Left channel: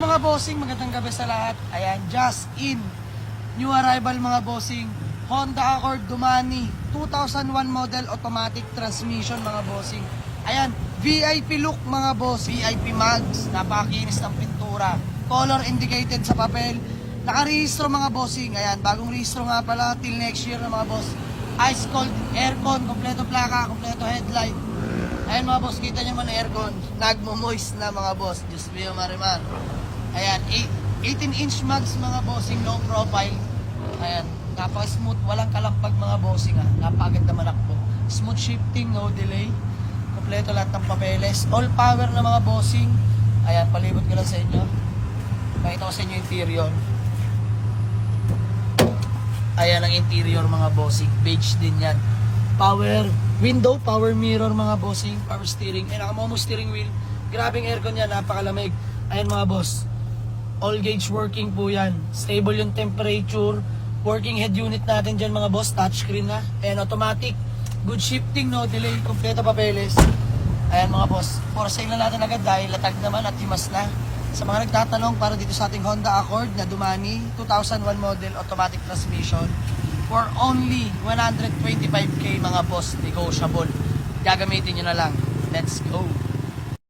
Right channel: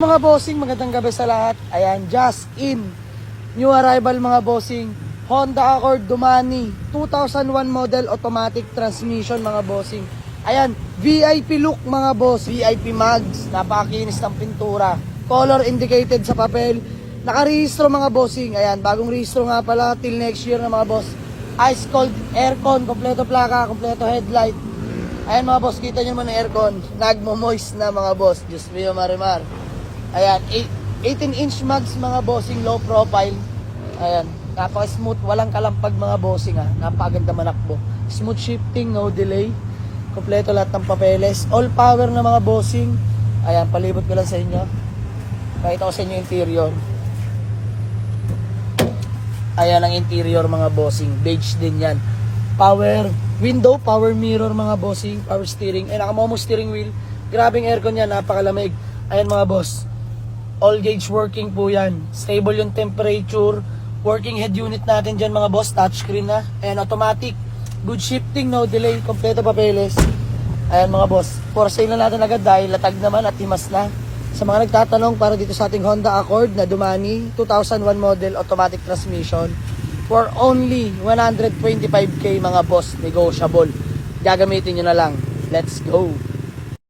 Mga bossing, magandang gabi sa lahat. Ayan, just in. New arrival mga bossing. Honda Accord Dumani 2001 model automatic transmission mga bossing. Ayan, VIP look mga boss, VIP mags, napakakinis ng pintura. Color indicated sa papel. Nakarehistro mga bossing. Ayan, bagong rehistro nga pala till next year na mga boss. Ice cold aircon, kompleto plaka, kompleto headlight. Ayan mga boss, kita nyo mo na aircon. Nagmo-moist na mga boss. Diyos mio marimar. Ayan, 18-inch mags mga bossing, low profile. Ayan, napaka-smooth, walang kalampag mga bossing ha. Napakaganda manakbo. Smooth shifting, no delay. Kompleto lahat ng papeles. All power na mga bossing. Ayan, palibot ko lang sa inyo. Pakita ko sa inyo interior. Ayan ang interior mga bossing. Beige din yan. Power window, power mirror mga bossing. Power steering. Ayan, nakamomo steering wheel. Grabing aircon yan, napakalamig. Ayan mga boss. All gauge working po yan. Stable yung temperature. Working head unit natin dyan mga boss. Touchscreen na. Ayan, automatic. Good shifting, no delay. Kompleto papeles. Ayan mga boss. For sale na natin agad dahil latag naman at himas na. Sa mga nagtatanong para dito sa ating Honda Accord na Dumani 2001 model automatic transmission for only 125k mga boss. Negotiable. Gagamitin nyo na lang. Let's go!